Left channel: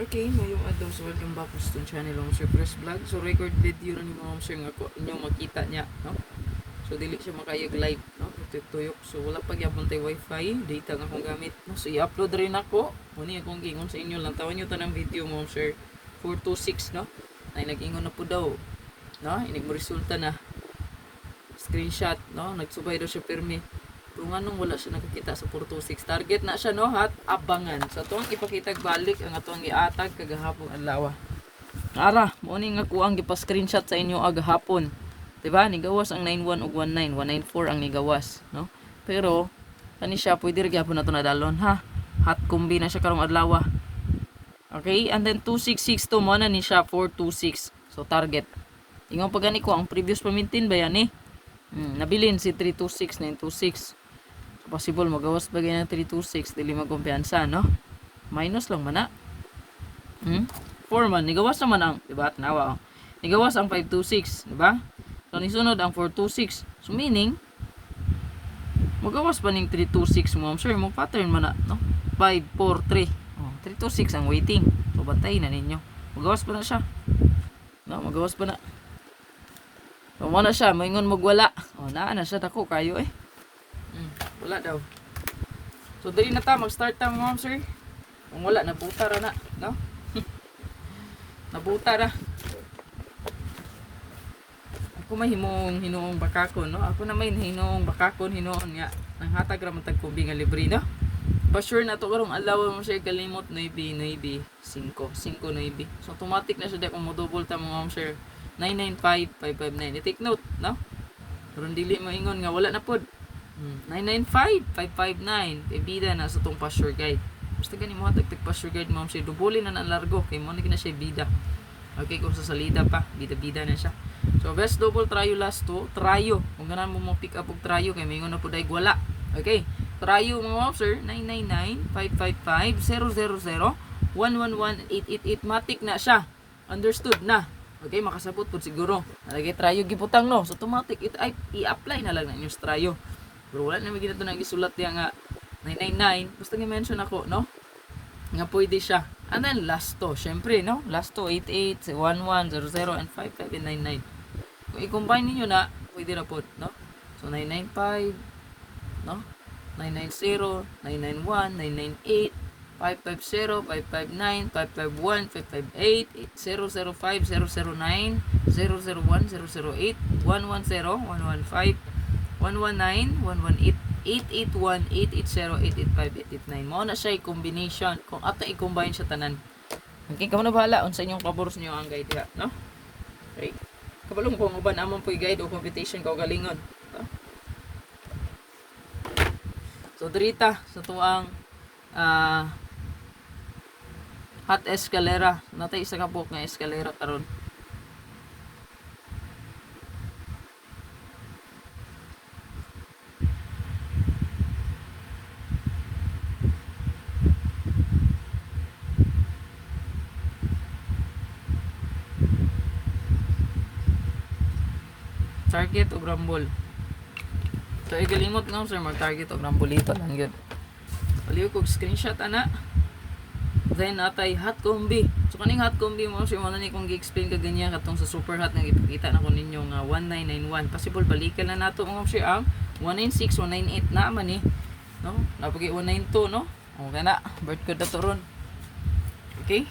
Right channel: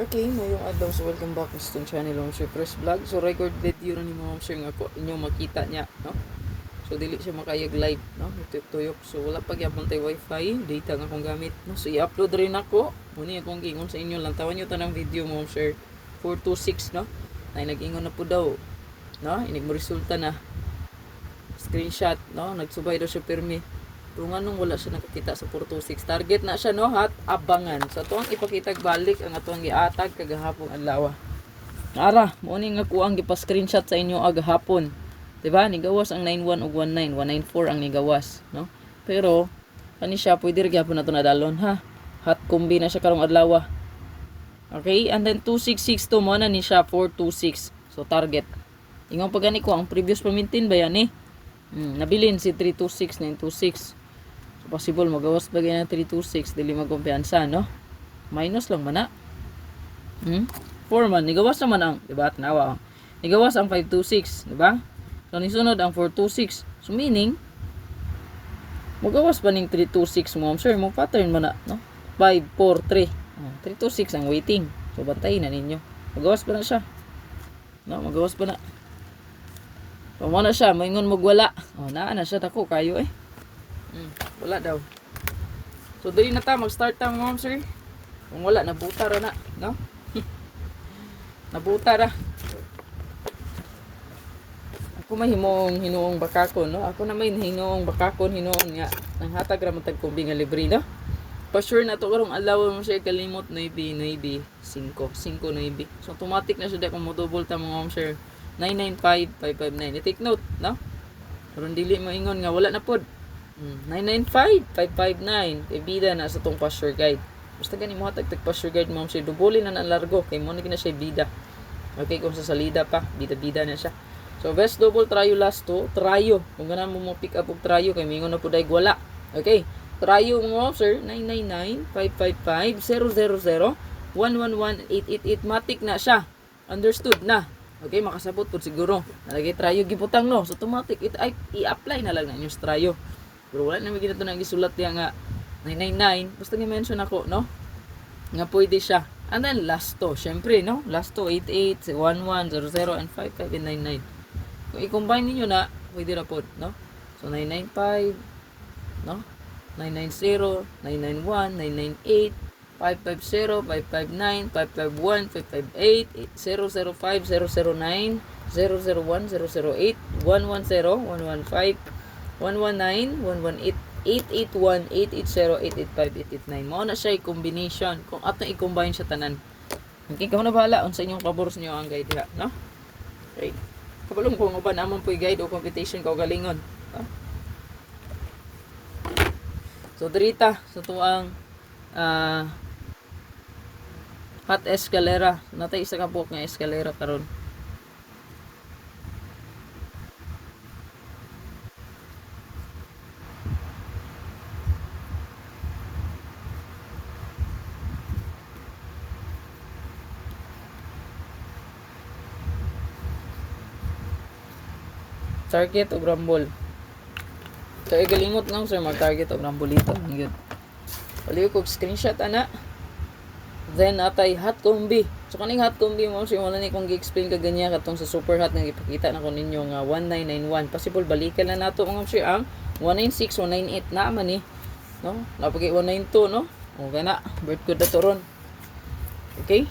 Okay, mayong adlaw so welcome back sa itong channel Ma'am Sir Press Vlog. So record video na ni Ma'am Sir nga ko inyong makita niya, no? So dili siya makayag live, no? Tuyok. So wala pa gyapon tay wifi, data nga akong gamit, no? So i-upload rin ako. Muni akong giingon sa inyo lang tawan niyo tanang video Ma'am Sir 426, no? Ay nag-ingon na po daw, no? Inig mo resulta na screenshot, no? Nagsubay daw siya pirmi. Kung anong wala siya nakakita sa 426 target na siya, no, hat abangan sa tuang ipakita balik ang atong giatag kagahapon adlaw. Ara mo ni nga kuang gipa-screenshot sa inyo agahapon, diba? Nigawas ang 91 ug 19 194 ang nigawas, no? Pero kani siya pwede ra gyapon nato nadalon, ha. Hot combi na siya karong adlaw. Okay, and then 2662 mo na ni siya 426. So target ingon pa gani ko ang previous pamintin ba yan nabilin si 326 926. So, possible magawas ba ganyan 326 dili magkumpiyansa, no? Minus lang man na. 4 man nigawas naman ang, diba? Tanawa. Nigawas ang 526, diba? So nisunod ang 426. So meaning magawas pa ning 326 mo, sure mo pattern man na, no? 543. 326 ang waiting. So bantay na ninyo. Magawas pa na siya. No, magawas pa na. So mo na siya, moingon magwala. Naa na siya dako kayo wala daw. So dili na ta mag-start ta ma'am sir. Kung wala nabuta ra na, no? Nabuta ra. Ako may hinuong bakakon, no? Ako na may hinuong bakakon nga ang hatag ra man tag kumbi nga libre, no? Pa sure na to karong adlaw mo sir kalimot 9 5 9. So automatic na siya kung mo double ta ma'am sir. 995559. I-take note, no? Pero dili mo ingon nga wala na pod. 995559 kay bida na sa tong pasture guide. Basta gani mo hatag pasture guide ma'am sir, dubulin na largo kay mo na siya bida. Okay, kung sa salida pa, bida na siya. So best double tryo last to, tryo. Kung ganan mo pick up og tryo kay mingon na pud ay wala. Okay. Tryo mo ma'am sir 999555000 111888 matik na siya. Understood na. Okay, makasabot po siguro. Nalagay tryo giputang, no? So automatic i-apply na lang ng yung tryo. Pero wala naman ginito na isulat niya nga 999. Basta i-mention ako, no? Nga pwede siya. And then last to, syempre, no? Last to 88, 1100 and 5599. Kung i-combine niyo na, pwede na po, no? So 995, no? 990, 991, 998, 550, 559, 551, 558, 005, 009, 001, 008, 110, 115, 119, 118, 881, 880, 885, 889. Mao na siya combination. Kung ato i-combine sa tanan. Okay, kamo na bahala unsa inyong pabor niyo ang guide, no? Okay. Kabalong ko mo ba naman po guide o competition ka galingon, no? So dirita sa tuang hot escalera. Natay isa ka buok nga escalera karon. Target o rumble. So igalingot nga sir mag-target og rambolito lang yun. Paliw kog screenshot ana. Then atay hot combi. So kaning hot combi mo sir wala ni kong gi-explain ka ganyan katong sa super hot nga ipakita na ko ninyo nga 1991. Possible balikan na nato nga sir ang 196 198 na man ni. No? Napagi 192 no. O gana bird ko dato ron. Okay?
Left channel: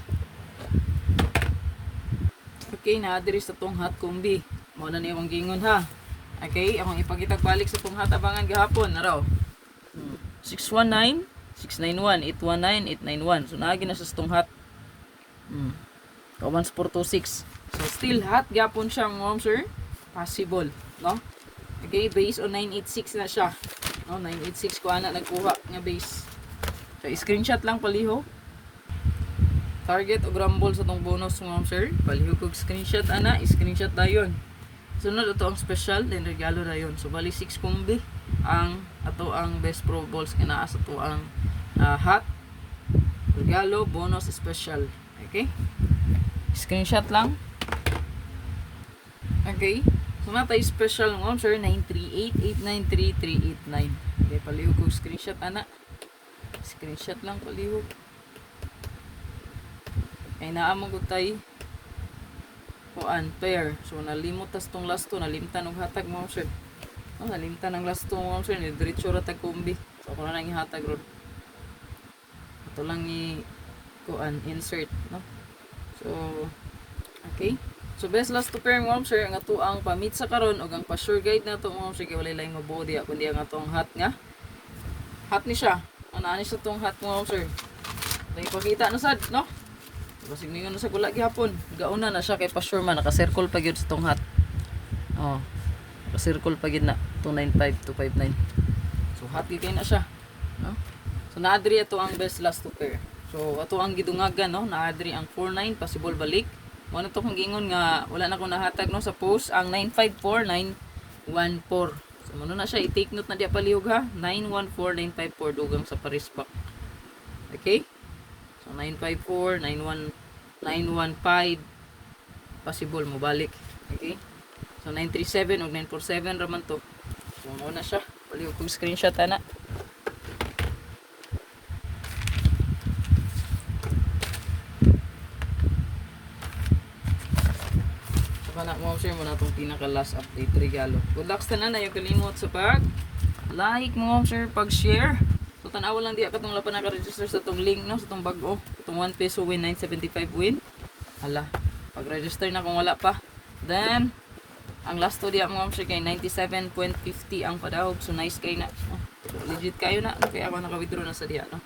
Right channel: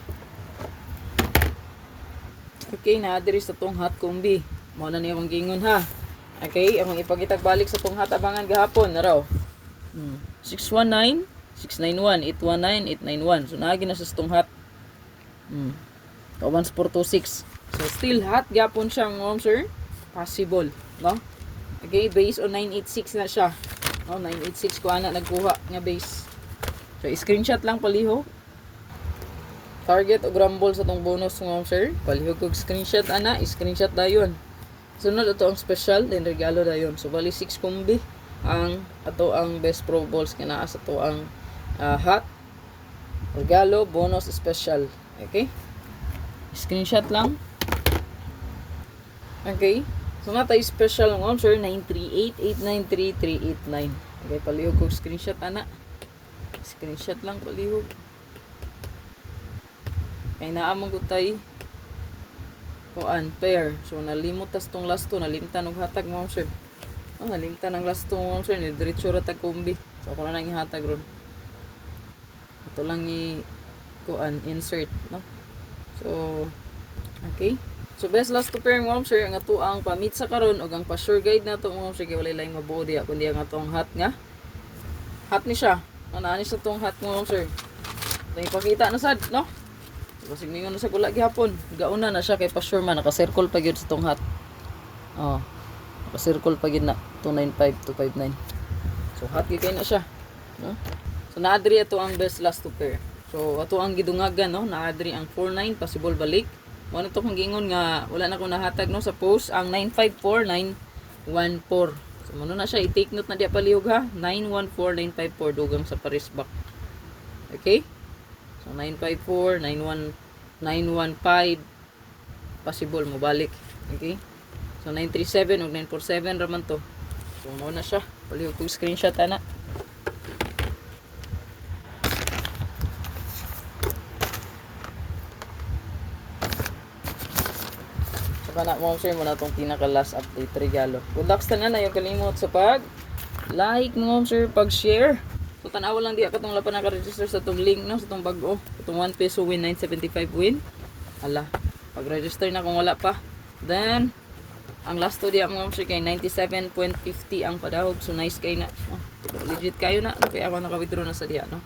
Okay na diri sa tong hot combi. Mo na niya akong gingon ha. Okay, akong ipakitag balik sa tong hatabangan gahapon na raw. 619, 691, 819, 891. So naagi na sa tong hat. 1426. So still hot gahapon siya ma'am sir. Possible, no? Okay, base on 986 na siya. No, 986 ko ana nagkuha nga base. So screenshot lang paliho. Target o rumble sa tong bonus ma'am sir. Paliho kog screenshot ana, screenshot dayon. Sunod ito ang special, then regalo na yun. So, bali 6 combi ang ato ang best pro balls kinaa sa to ang hot, regalo, bonus, special. Okay? Screenshot lang. Okay? So, natay special ng sir, 938-893-389. Okay, palihog ko screenshot, ana. Screenshot lang palihog. Kay naamong gud tay kuan pair. So nalimot tas tong last to nalimtan og hatag mo sir. Nalimtan ang last to mo sir ni diretso ra tag kumbi. So ako na lang ihatag ron. Ito lang i kuan insert no. So okay. So best last to pair mo sir ang ato ang pamit sa karon ug ang pa-sure guide na to mo sir kay walay laing mabuo diha kundi ang ato ang hat nga. Hat ni siya. Ani sa tong hat mo sir. Dahil pakita na sad no. Basig ningon na sa gula gihapon. Gauna na siya kay pa-sure man naka-circle pa gyud sa tong hat. Oh. Naka-circle pa gyud na 295 to 59. So hat gyud kay na siya, no? So naadri ato ang best last to pair. So ato ang gidungagan no, naadri ang 49 possible balik. Wala to kung gingon nga wala na ko nahatag no sa post ang 954914. So mano na siya i-take note na diya palihog ha. 914954 dugang sa Paris back. Okay? So 954 915 possible mo balik. Okay? So 937 ug 947 raman to. So mano na siya. Palihog tong screenshot ana. Kana mo share mo na tong pinaka last update regalo. Good luck sa na yung kalimot sa pag like mo share pag share. So tanaw lang di ka tong lapan naka-register sa tong link no sa tong bag-o. Itong 1 peso win 975 win. Hala, pag-register na kung wala pa. Then ang last to diya mo share kay 97.50 ang padahog. So nice kay na. Legit kayo na kaya ako naka-withdraw na sa diya no.